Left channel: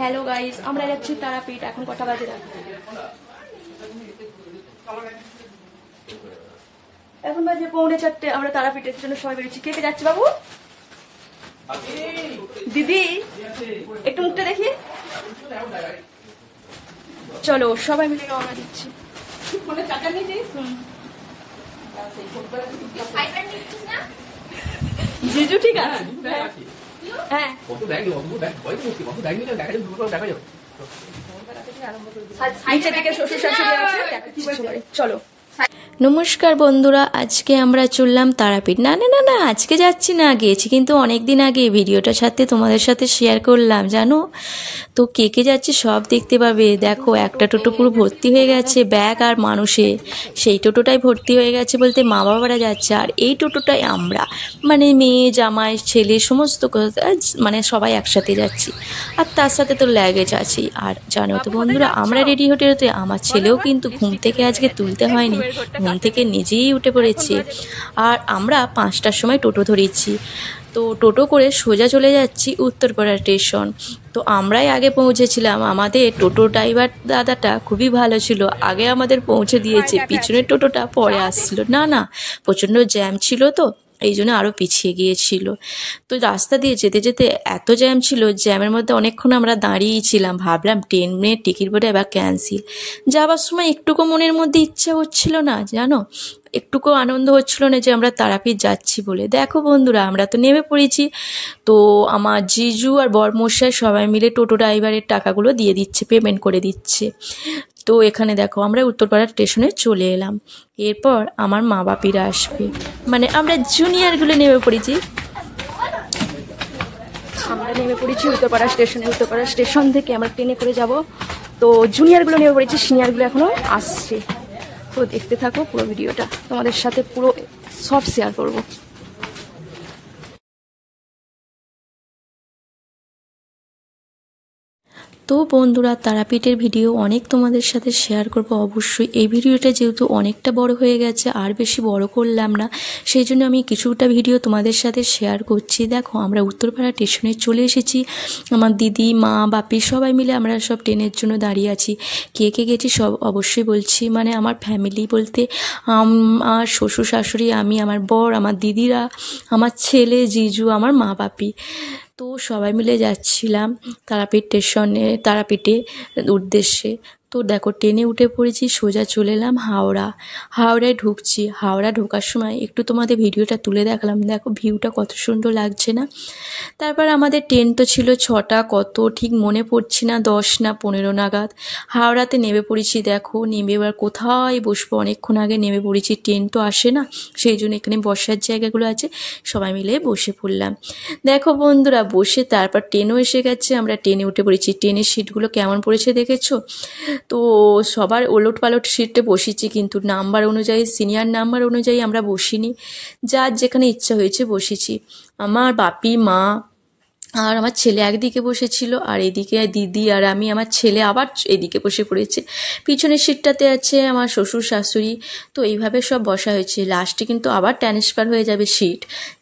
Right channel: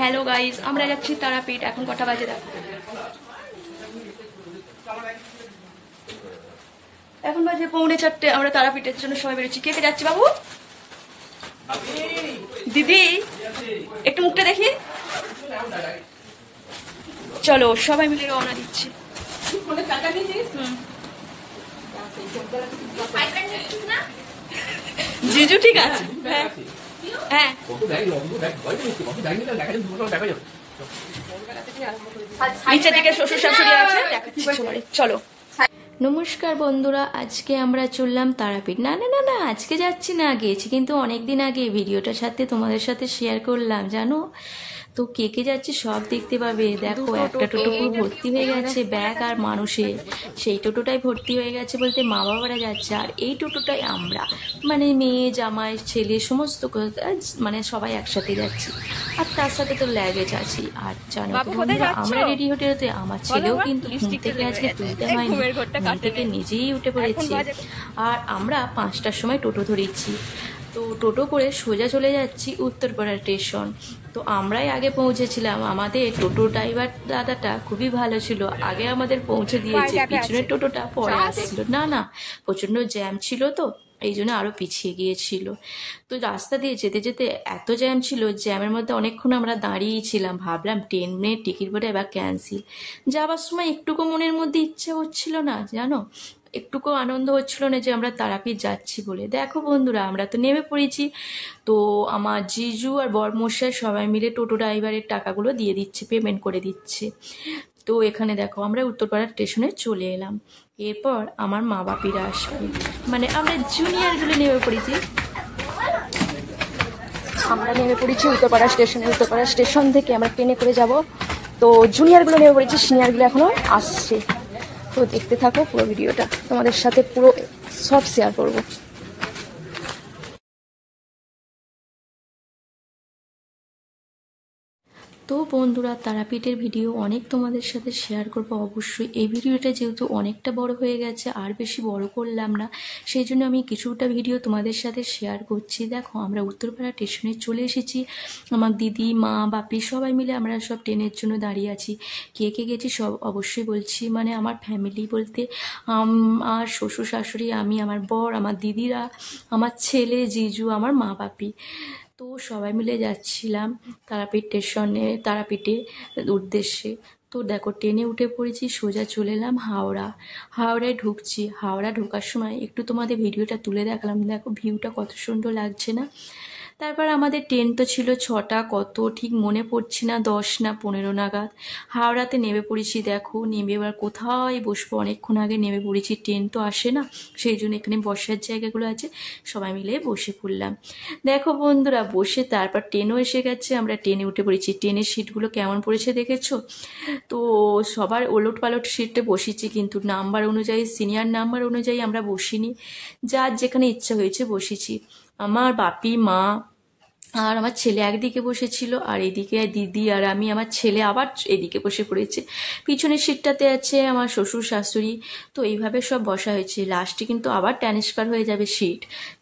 Hello guys, আমরা যাচ্ছি তারাপীঠ। এখন কটা বাজে দেখো, এখন বাজে 3:45। আমরা তারাপীঠের জন্য সবাই বেরোচ্ছি। কে কে যাচ্ছি বাবু? দিদি একটু মুখটা দেখি। চলো সবাই মিলে রওনা দিচ্ছি। জিজু ঠিক আছে? হ্যাঁ নিচের দিকে শ্বশুর শাশুড়ি আছে, দেখাচ্ছি। চলো। নমস্কার বন্ধুরা, আজকে আমরা চললাম তারাপীঠ। না না না না আজকে যাচ্ছি না, গিয়েছি কিন্তু অনেক দিন আগে। ভিডিওটা সাথে তোমাদের সাথে শেয়ার করলাম জানো তো। কে কে যাচ্ছে সব দেখতে পাবে। দেখো একটা টোটো পুরো ভর্তি হয়ে গেছে ব্যাগ আর মানুষে। সেই টোটোটাই ভর্তি হয়ে গেছে বলতে মা বাবারা যাচ্ছে, আর এই টোটোটাই আমরা মানে মেয়ে জামাই ছেলে সমস্ত মানে সবাই একসাথে যাচ্ছি। আর তার সাথে তো ল্যাগেজ আছেই। আর জানো তো বন্ধুরা, আমরা রেডি হতে হতে আমার ছেলেও কিন্তু ঘুম থেকে আজকে তুলতে হয়নি, ঘুম থেকে নিজেই উঠে পড়েছে। আর আমরা 5টার সময় টোটো ধরেছি। তো টোটো করে সোজা চলে যাচ্ছি উত্তরপাড়া স্টেশন। তো আমরাই আগে পৌঁছেছিলাম। আমাদের টোটো ড্রাইভার দাদাটা খুবই ভালো ছিল, আগে আমাদের পৌঁছে দিয়েছে, পিছনের টোটোটা পরে আসছিল। না না প্রচণ্ড জ্যাম ছিল তো এই জন্য আরও পিছিয়ে গিয়েছিল। তো রাস্তা দিয়ে যেতে যেতে এত জ্যাম ছিল, জ্যামের মধ্যে অনেকক্ষণ আমরা দাঁড়িয়েই ছিলাম। ভাবলাম 10 মিনিট টিকিট বোর্ডে এবার ক্যান্সেল। যাবার সময় একটুকু মনের মধ্যে ইচ্ছা হচ্ছিল না জানো, একটুকু আনন্দ হচ্ছিল না যে আমরা তারাপীঠ যাচ্ছি বলে। দেখো বন্ধুরা, আমরা তো নেমে পড়েছি। তো আমার জিজু আর বরমশাই সবাই মিলে টোটো ড্রাইভারের টাকাগুলো দিয়ে দিচ্ছে, পেমেন্ট করে দিচ্ছে। তো এখানে দেখো আমরা উত্তরপাড়া স্টেশনে চলে এলাম। এরপর আমার মা বাপিরা আসবে, মানে আমরা জুনিয়রগুলো নেমে পড়েছি। আমরা নেমে পড়েছি উত্তরপাড়া স্টেশনে। উত্তরপাড়া স্টেশন থেকে আমরা ট্রেনে করে যাব। তো জুনিয়রগুলো নেমে পড়েছি, সিনিয়রগুলো এখনও আসছে। তো দেখতে থাকো পুরো ভিডিওটা, তোমাদের সাথে পুরো সব শেয়ার করবো। তো বন্ধুরা, তারাপীঠের ভিডিও অনেক তোমাদের সাথে শেয়ার করব অবশ্যই। এই ভিডিওটা যেহেতু অনেকটা বড় হয়ে গেছে, আর বেশি বড় করলাম না, সেই জন্য আমি কিছুটা ভিডিও তোমাদের সাথে শেয়ার করছি। দেখো আমরা উত্তরপাড়া স্টেশনে চলে এসেছি। আমার দিদি মা বাপি সবাই মিলে আমরা সব ট্রেনের জন্য দাঁড়িয়ে আছি। কে কে গেছি সব অবশ্যই বলছি, মানে আমার ফ্যামিলি বলতে আমার শ্বশুর শাশুড়ি, আমি, আমার বর, আমার দিদিরা, আমার ছেলে, জিজু, আমার মা বাপি। তো সবাই মিলে যাচ্ছিলাম তারাপীঠ স্টেশনে, তারাপীঠে উদ্দেশ্যে। তো দেখো ট্রেনে উঠে পড়েছি, সোজা চলে এলাম হাওড়ায় ঢুকছি। হাওড়া ঢোকার সময় একটু তোমাদের ভিডিওটা তুলে দেখালাম। দেখো ভিউটা কত সুন্দর লাগছে না। তারপর আমাদের ট্রেন তো ছিল 6টা কত ঠিক মনে পড়ছি না, 10 না 15 নাগাদ হাওড়াতে নেমে পড়েছি। দেখো নেমে এবার কোথায় বসবো, অনেকক্ষণ আগে নেমে পড়েছি, ট্রেন তো আসে না, সেই জন্য এখানে বসার জায়গাগুলো আছে, সবাই মিলে বসে পড়লাম। দেখো বন্ধুরা বসে তারপর ট্রেনও এসে গেছে, আমরা ট্রেনে উঠে পড়েছি। ট্রেনের সিটগুলো কেমন পড়েছে দেখেছো তো? সবার ওলট পালট সিটে বসেছি, কিন্তু নাম্বার অনুযায়ী, সিনিয়র নাম্বার অনুযায়ী আমরা বসিনি, যার যেখানে ইচ্ছা হয়েছে বসেছি। আমার বাপি মা আর আমার ছেলে একদিকে বসেছিল, আর এদিকে দিদি আর আমি, আমার ছেলে আবার এদিকে বসে পড়েছে। পিছনের সিটটাতে আছে আমার শ্বশুর শাশুড়ি। তো এইভাবে সব বসা হয়েছে। লাস্টে কিন্তু আবার ট্রান্সফার হয়ে যাবে সিট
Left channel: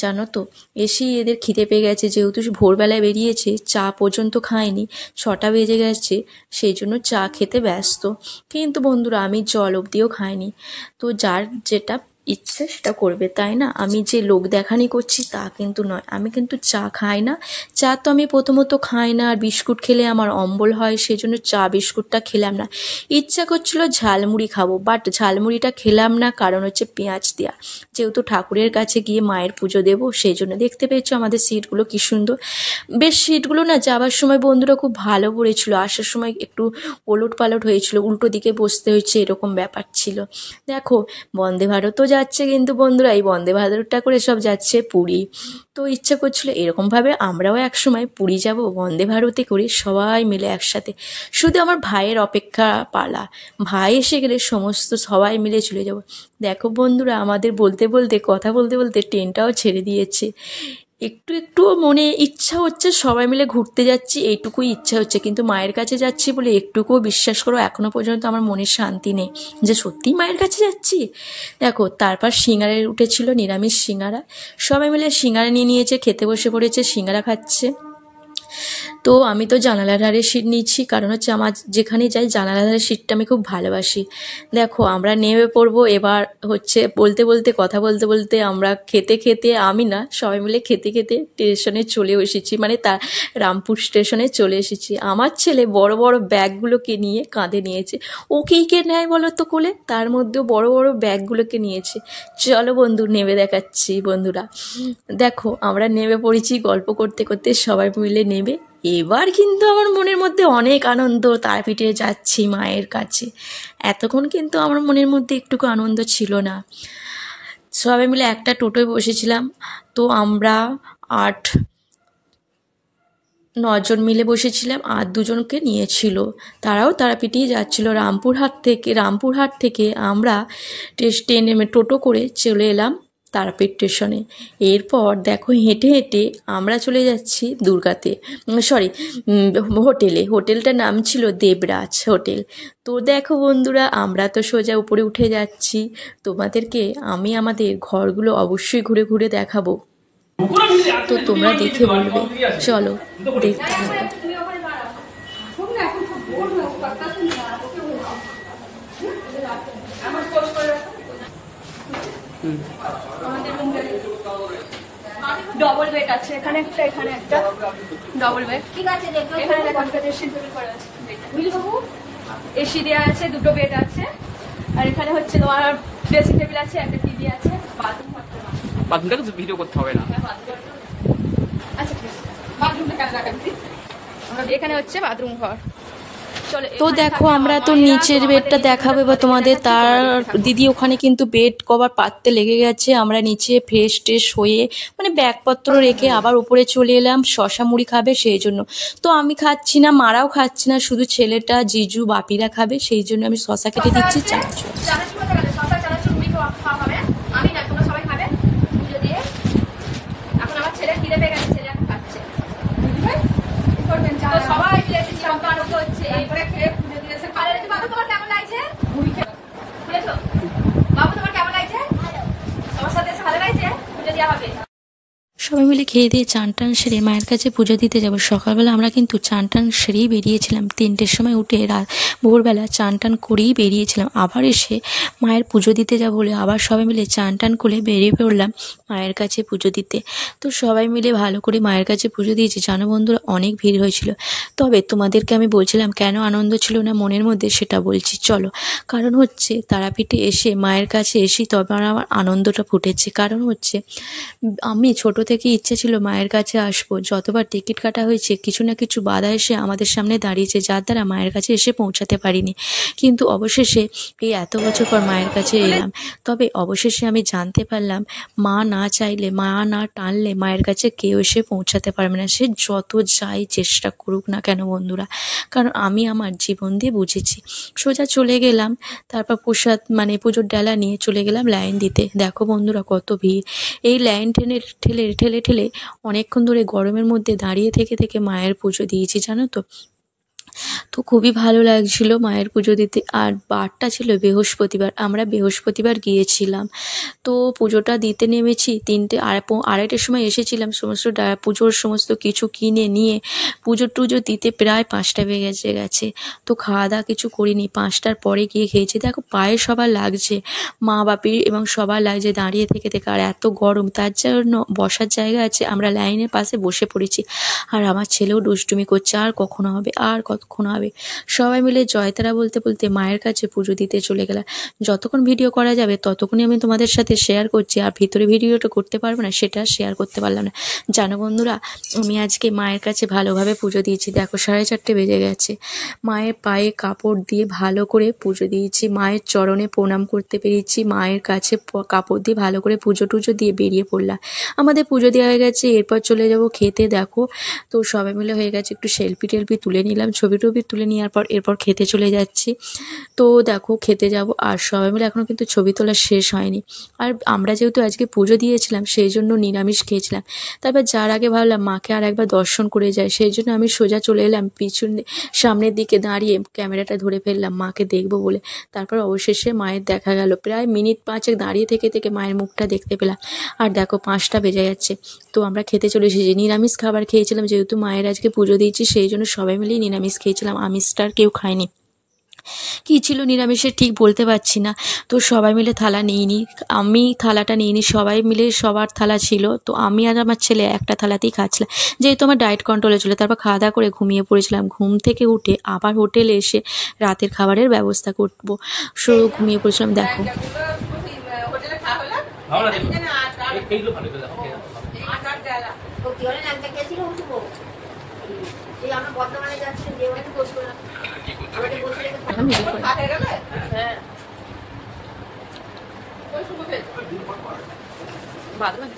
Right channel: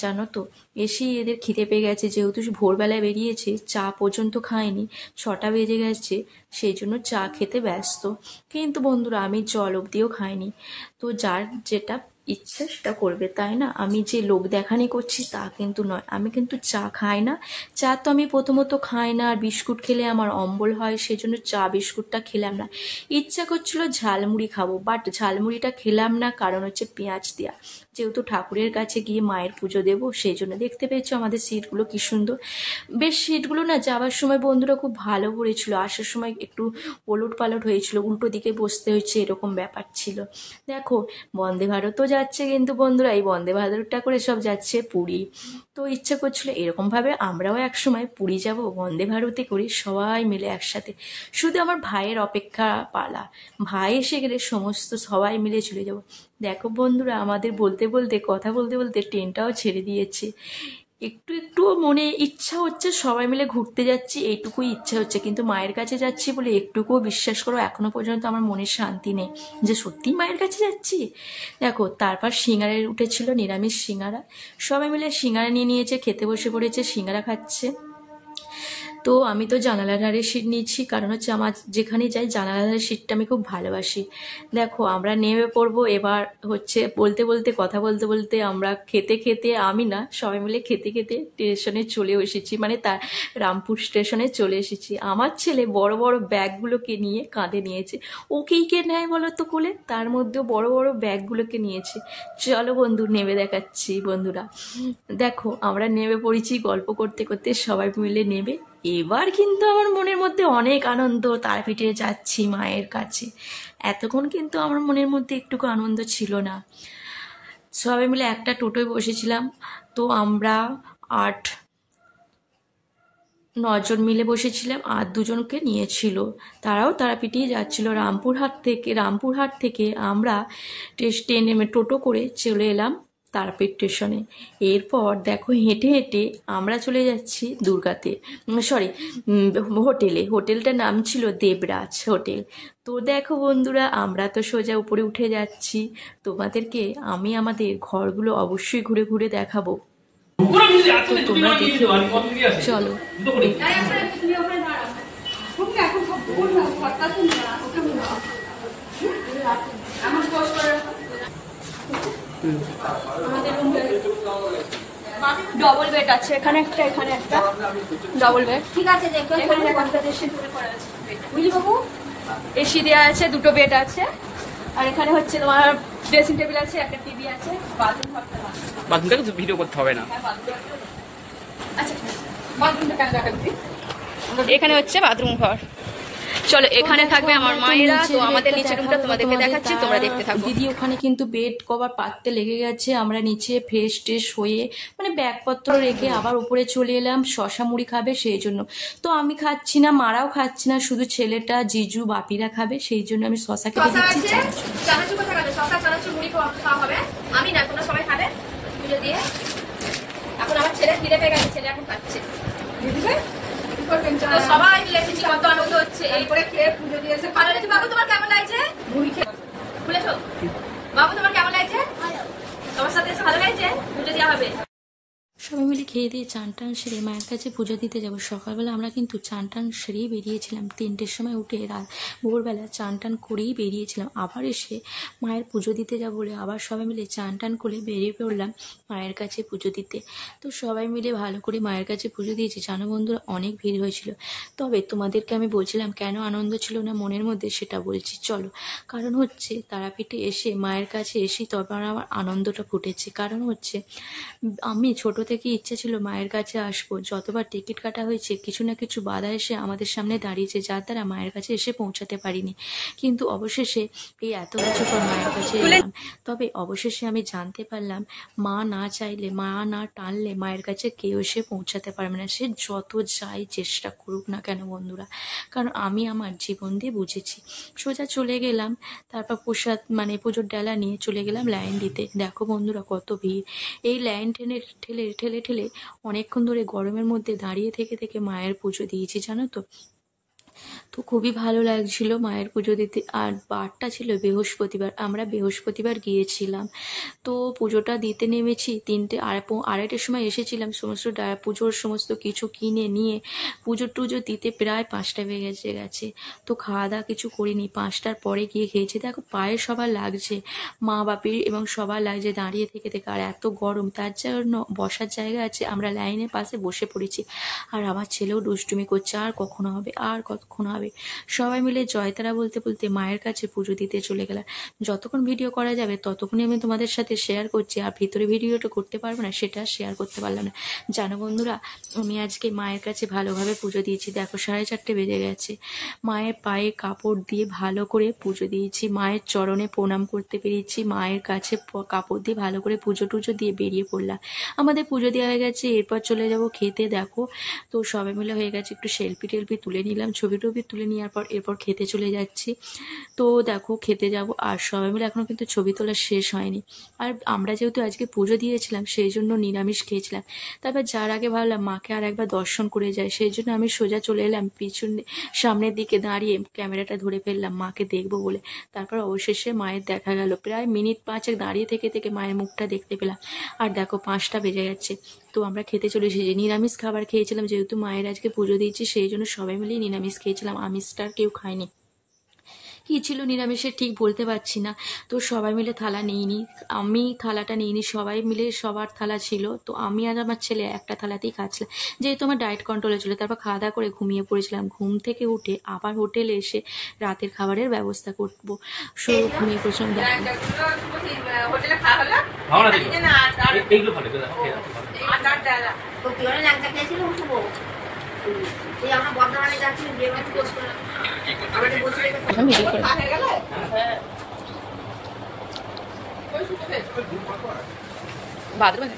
জানো তো। এসেই এদের খিদে পেয়ে গেছে, যেহেতু ভোরবেলায় বেরিয়েছে, চা পর্যন্ত খায়নি, 6টা বেজে গেছে, সেই জন্য চা খেতে ব্যস্ত। কিন্তু বন্ধুরা আমি জল অবধিও খাইনি। তো যার যেটা ইচ্ছে সেটা করবে, তাই না? আমি যে লোক দেখানি করছি তা কিন্তু নয়। আমি কিন্তু চা খাই না। চা তো আমি প্রথমত খাই না, আর বিস্কুট খেলে আমার অম্বল হয়, সেই জন্য চা বিস্কুটটা খেলাম না। ইচ্ছা করছিল ঝালমুড়ি খাবো, বাট ঝালমুড়িটা খেলাম না, কারণ হচ্ছে পেঁয়াজ দেওয়া। যেহেতু ঠাকুরের কাছে গিয়ে মায়ের পুজো দেবো, সেই জন্য। দেখতে পেয়েছো আমাদের সিটগুলো কি সুন্দর। বেশ সিটগুলো না যাওয়ার সময় বন্ধুরা খুব ভালো পড়েছিল, আসার সময় একটু ওলট পালট হয়েছিল, উল্টো দিকে বসতে হয়েছে, এরকম ব্যাপার ছিল। দেখো বন্দে ভারতও যাচ্ছে, কিন্তু বন্ধুরা এই বন্দে ভারতটা করে সব যাচ্ছে পুরী। তো ইচ্ছা করছিল এরকমভাবে আমরাও একসময় পুরী যাব বন্দে ভারতে করে, সবাই মিলে একসাথে। শুধু আমার ভাইয়ের অপেক্ষা পালা, ভাই এসে গেলে সমস্ত সবাই মিলে চলে যাব। দেখো বন্ধুরা আমাদের বলতে বলতে, কথা বলতে বলতে ট্রেনটাও ছেড়ে দিয়েছে। একটু একটু মনে ইচ্ছা হচ্ছে সবাই মিলে ঘুরতে যাচ্ছি, এইটুকুই ইচ্ছা হচ্ছে, কিন্তু মায়ের কাছে যাচ্ছি বলে একটুকুও বিশ্বাস করো এখনো পর্যন্ত আমার মনে শান্তি নেই যে সত্যিই মায়ের কাছে যাচ্ছি। দেখো তারপর সিঙ্গারা উঠেছিল, নিরামিষ সিঙ্গারা, সবাই মিলে সিঙ্গারা নিয়ে নিয়েছে, খেতে বসে পড়েছে, সিঙ্গারা খাচ্ছে। তো আমি তো জানালার ধারে সিট নিচ্ছি, কারণ হচ্ছে আমার যেখানে যাই জানালার ধারে সিটটা আমি খুব ভালোবাসি। দেখো আমরা নেমে পড়বো এবার। হচ্ছে বলতে বলতে কথা বলতে বলতে আমরা খেতে খেতে, আমি না সবাই মিলে খেতে খেতে স্টেশনে চলে এসেছি, মানে তার রামপুর স্টেশনে চলে এসেছি। আমার ছেলে বড় বড় ব্যাগগুলোকে নিয়ে কাঁধে নিয়েছে। ও কী কে নেয় বলো তো কোলে, তার মধ্যেও বড় বড় ব্যাগগুলোকে নিয়েছে। চলো বন্ধু নেমে দেখাচ্ছি। বন্ধুরা দেখো আমরা নেমে পড়েছি গল্প করতে করতে, সবাই মিলে নেবে। এবার কিন্তু আমার মনের মধ্যে অনেক আনন্দ, তারাপীঠে যাচ্ছি মায়ের কাছে। এতক্ষণ কিন্তু আমার মনের মধ্যে একটুকু আনন্দ ছিল না। সবাই মিলে একটা টোটোয় বসেছিলাম, তো আমরা 8-9 জন মিলে বসেছিলাম, আর 2জনকে নিয়েছিল, তারাও তারাপীঠেই যাচ্ছিল। রামপুরহাট থেকে আমরা টোটো করে চলে এলাম তারাপীঠ স্টেশনে। এরপর দেখো হেঁটে হেঁটে আমরা চলে যাচ্ছি দুর্গাতে, হোটেলটার নাম ছিল দেবরাজ হোটেল। তো দেখো বন্ধুরা আমরা তো সোজা উপরে উঠে যাচ্ছি, তোমাদেরকে আমি আমাদের ঘরগুলো অবশ্যই ঘুরে ঘুরে দেখাবো, তো তোমরা দেখে বলবে। চলো দেখতে হবে। ডবল বেড আছে, এখানে একটা ডবল বেড। ঠিক আছে, এখানে এসি দেওয়া আছে, 2টো বেড আছে। আর এখানে হচ্ছে তোমার ড্রেসিং টেবিল আছে, একটা টিভি আছে, বাথরুমটা ভিডিও করতে হবে না। আচ্ছা এখানে হচ্ছে বাথরুম ঘর। চলো তো দেখো আমরা তো নিচের বেডটা দেখাবো বা তোমাদের। তার দিদি ওখানে কিন্তু বেড কভার পাততে লেগে গেছে। আমরা নিচে ফ্রেশ ট্রেশ হয়ে মানে ব্যাগপত্র রেখে আবার উপরে চলে এলাম। শশা মুড়ি খাবে সেই জন্য, তো আমি খাচ্ছি না, মারাও খাচ্ছি না, শুধু ছেলেটা জিজু বাপিরা খাবে, সেই জন্য আমি শশা কেটে দিচ্ছি। আমি না, তোমরা সবাই খাবে পুজো দিয়ে। এখন আমার ছেলে ফিরে পেয়ে গেছে, ছেলে এখন খাচ্ছে। তো সবাই মিলে এসেছি, কত আনন্দ হচ্ছে। এরপরে খেয়ে পুজো দিয়েছে। ভালো লাগছে বাবু, তোমার কেমন লাগছে? মুড়ি খেয়ে খুলেছো বাবু, তোমার কেমন লাগছে? তোমার সাথে এসে ভালো লাগছে? পুজো দেওয়া হবে। সবাই মিলে খেয়ে দিয়ে চান টান সেরে মায়ের কাছে পুজো দিতে যাব। সকালবেলা আমরা কিন্তু চান টান সেরেই বেরিয়েছিলাম, 3টের সময় উঠে ভোরবেলা চান টান করেই বেরিয়েছিলাম। আবার এসে মায়ের পুজো দিতে যাব বলে আবার সবাই মিলে চান টান করে বেরিয়ে পড়লাম মায়ের কাছে পুজো দিতে। তো সবাই মিলে ভালো করে মায়ের কাছে পুজো দিয়েছি। জানো বন্ধুরা অনেক ভিড় হয়েছিল, তবে তোমাদেরকে আমি বলছিলাম কেন আনন্দ ছিল না মনের মধ্যে, সেটা বলছি চলো। কারণ হচ্ছে তারাপীঠে এসে মায়ের কাছে এসে তবে আমার আনন্দটা ফুটেছে। কারণ হচ্ছে আমি ছোট থেকে ইচ্ছে ছিল মায়ের কাছে আসবো। যতবার টিকিট কাটা হয়েছে কিছু না কিছু বাধা এসে আমাদের সামনে দাঁড়িয়েছে, যার দ্বারা মায়ের কাছে এসে পৌঁছাতে পারিনি। কিন্তু অবশেষে এই এত বছর পর মায়ের কাছে এলাম। তবে অবশেষে আমি জানতে পারলাম মা না চাইলে, মা না টানলে মায়ের কাছে কেউ এসে পৌঁছাতে পারবে না, সে যত যাই চেষ্টা করুক না কেন বন্ধুরা। কারণ আমি আমার জীবন দিয়ে বুঝেছি। সোজা চলে গেলাম, তারপর প্রসাদ মানে পুজোর ডালা নিয়ে চলে গেলাম লাইন দিতে। দেখো বন্ধুরা কত ভিড়। এই লাইন ঠেলে ঠেলে অনেকক্ষণ ধরে গরমের মধ্যে দাঁড়িয়ে থেকে থেকে মায়ের পুজো দিয়েছি, জানো তো। তো খুবই ভালো লাগছিল মায়ের পুজো দিতে। আর বারটা ছিল বৃহস্পতিবার, আমরা বৃহস্পতিবার গিয়েছিলাম। তো পুজোটা দিতে নেমেছি 3-2:30টার সময় এসেছিলাম। সমস্ত পুজোর সমস্ত কিছু কিনে নিয়ে পুজো টুজো দিতে প্রায় 5টা বেজে গেছে। তো খাওয়া দাওয়া কিছু করিনি, 5টার পরে গিয়ে খেয়েছি। দেখো পায়ে সবার লাগছে, মা বাপি এবং সবার লাগছে দাঁড়িয়ে থেকে থেকে। আর এত গরম, তার জন্য বসার জায়গা আছে, আমরা লাইনের পাশে বসে পড়েছি। আর আমার ছেলেও দুষ্টুমি করছে, আর কখনো হবে, আর কতক্ষণ হবে। সবাই মিলে জয়তারা বলতে বলতে মায়ের কাছে পুজো দিতে চলে গেলাম। যতক্ষণ ভিডিও করা যাবে ততক্ষণই আমি তোমাদের সাথে শেয়ার করছি, আর ভিতরে ভিডিওটা করতে পারবো না, সেটা শেয়ার করতে পারলাম না। জানো বন্ধুরা আমি আজকে মায়ের কাছে ভালোভাবে পুজো দিয়েছি। দেখো 4:30 বেজে গেছে। মায়ের পায়ে কাপড় দিয়ে ভালো করে পুজো দিয়েছি, মায়ের চরণে প্রণাম করতে পেরেছি, মায়ের কাছে কাপড় দিয়ে ভালো করে পুজো টুজো দিয়ে বেরিয়ে পড়লাম। আমাদের পুজো দেওয়া হয়ে গেছে, এরপর চলে যাব খেতে। দেখো তো সবাই মিলে হয়ে গেছে, একটু সেলফি টেলফি তুলে নিলাম, ছবি ছবি টবি তুলে নেওয়ার পর এরপর খেতে চলে যাচ্ছি। তো দেখো খেতে যাব, আর সবাই মিলে এখনও কিন্তু ছবি তোলা শেষ হয়নি। আর আমরা যেহেতু আজকে পুজো দিয়েছিলাম সেই জন্য নিরামিষ খেয়েছিলাম। তারপর যার আগে ভাবলাম মাকে আর একবার দর্শন করে যায়, সেই জন্য আমি সোজা চলে এলাম পিছনে সামনের দিকে দাঁড়িয়ে ক্যামেরাটা ধরে ফেললাম মাকে দেখবো বলে। তারপর অবশেষে মায়ের দেখা গেল, প্রায় মিনিট 5 দাঁড়িয়ে থেকে থেকে মায়ের মুখটা দেখতে পেলাম। আর দেখো 5টা বেজে যাচ্ছে, তো আমরা খেতে চলে এসেছি। নিরামিষ খাবার খেয়েছিলাম, যেহেতু মায়ের আজকে পুজো দিয়েছি সেই জন্য সবাই মিলেই নিরামিষ খেয়েছিলাম, আমিষটা আর কেউ খায়নি। কী ছিল নিরামিষের ঠিক বলতে পারছি না। তো সবাই মিলে থালা নিইনি, আমি থালাটা নিইনি, সবাই মিলে সবার থালা ছিল। তো আমি আর আমার ছেলে একটা থালাতেই খাচ্ছিলাম, যেহেতু আমার ডায়েট কন্ট্রোলে ছিল। তারপর খাওয়া দাওয়া করে ঘুমিয়ে পড়েছিলাম। ঘুম থেকে উঠে আবার হোটেলে এসে রাতের খাবারের ব্যবস্থা করবো, সো ঘুমিয়ে পড়েছিলাম। দেখো হোটেলে খাওয়া হলো ভালো এই যে না এইগুলো ভালো করে দেখো আটার ডালা তো কি হলো লাগতে খেয়েছিল উঠবো এই আমরা বর্ধমানে যাচ্ছি যে একটু পোস্ট করে আমাদের বসে আমি ভিডিও করে হয়ে গেল হ্যাঁ কই শুভতে বাদবান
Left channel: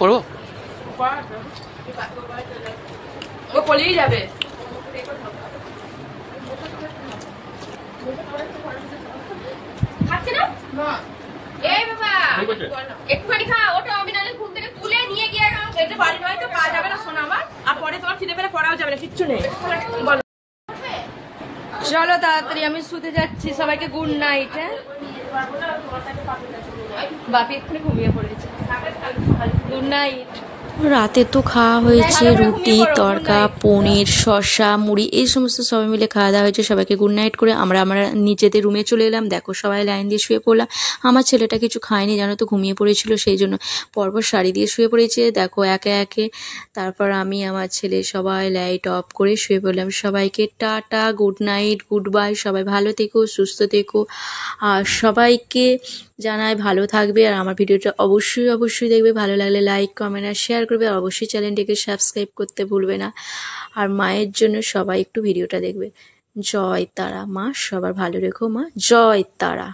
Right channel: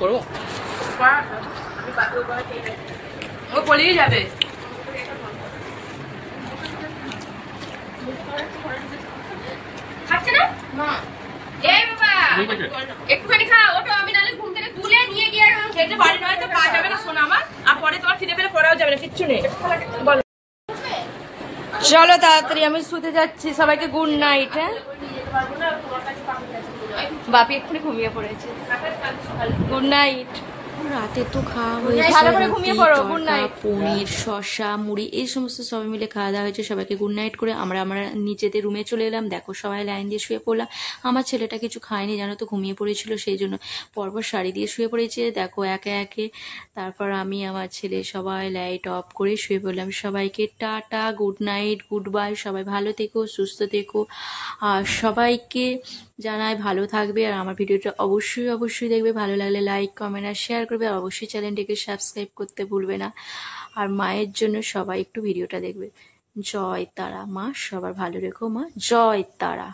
করবো ও পলিয়ে যাবে খাচ্ছে না এই বাবা একটুখানি খা ওটা আমি নালে ঘুম থেকে তুলে নিয়ে গিয়ে খেতে বাড়ি নয় তো কাজ যাবে না শোনা আমার আর পরে তোমার খিদে পেলে পড়াও যাবে না কিচ্ছু নেই চলো তাড়াতাড়ি আমি শুতে যাচ্ছি সবাইকে গুড নাইট হ্যাঁ বাপি এক্ষুনি ঘুমিয়ে পড়েছে গুড নাইট রাতে তো খাওয়া হয়েছে ভালো করে রুটি ঘুমিয়ে পড়ো, good তড়কা night. পনির শসা মুড়ি এই সমস্ত সবাই মিলে খাওয়া দাওয়া হয়েছে। সবাইকে গুড নাইট করে আমরা নিজেদের রুমে চলে এলাম। দেখো সবাই লাইন দিয়ে শুয়ে পড়লাম। আমার ছেলেটা কিছু খায়নি জানো তো, ঘুমিয়ে পড়েছিল, সেই জন্য পরপর শাড়ি দিয়ে শুয়ে পড়েছে। দেখো একে একে তারপর আমি আমার ছেলে সবাই লাইট অফ করে শুয়ে পড়লাম। সবাইকে tata, good night, good bye. সবাই ভালো থেকো, সুস্থ থেকো, আর সবাইকে জানায় ভালো থাকবে। আর আমার ভিডিওটা অবশ্যই অবশ্যই দেখবে, ভালো লাগলে লাইক কমেন্ট আর শেয়ার করবে। আর অবশ্যই চ্যানেলটিকে সাবস্ক্রাইব করতে ভুলবে না। আর মায়ের জন্য সবাই একটু ভিডিওটা দেখবে। জয় তারা মা, সবার ভালো রেখো মা, জয় তারা।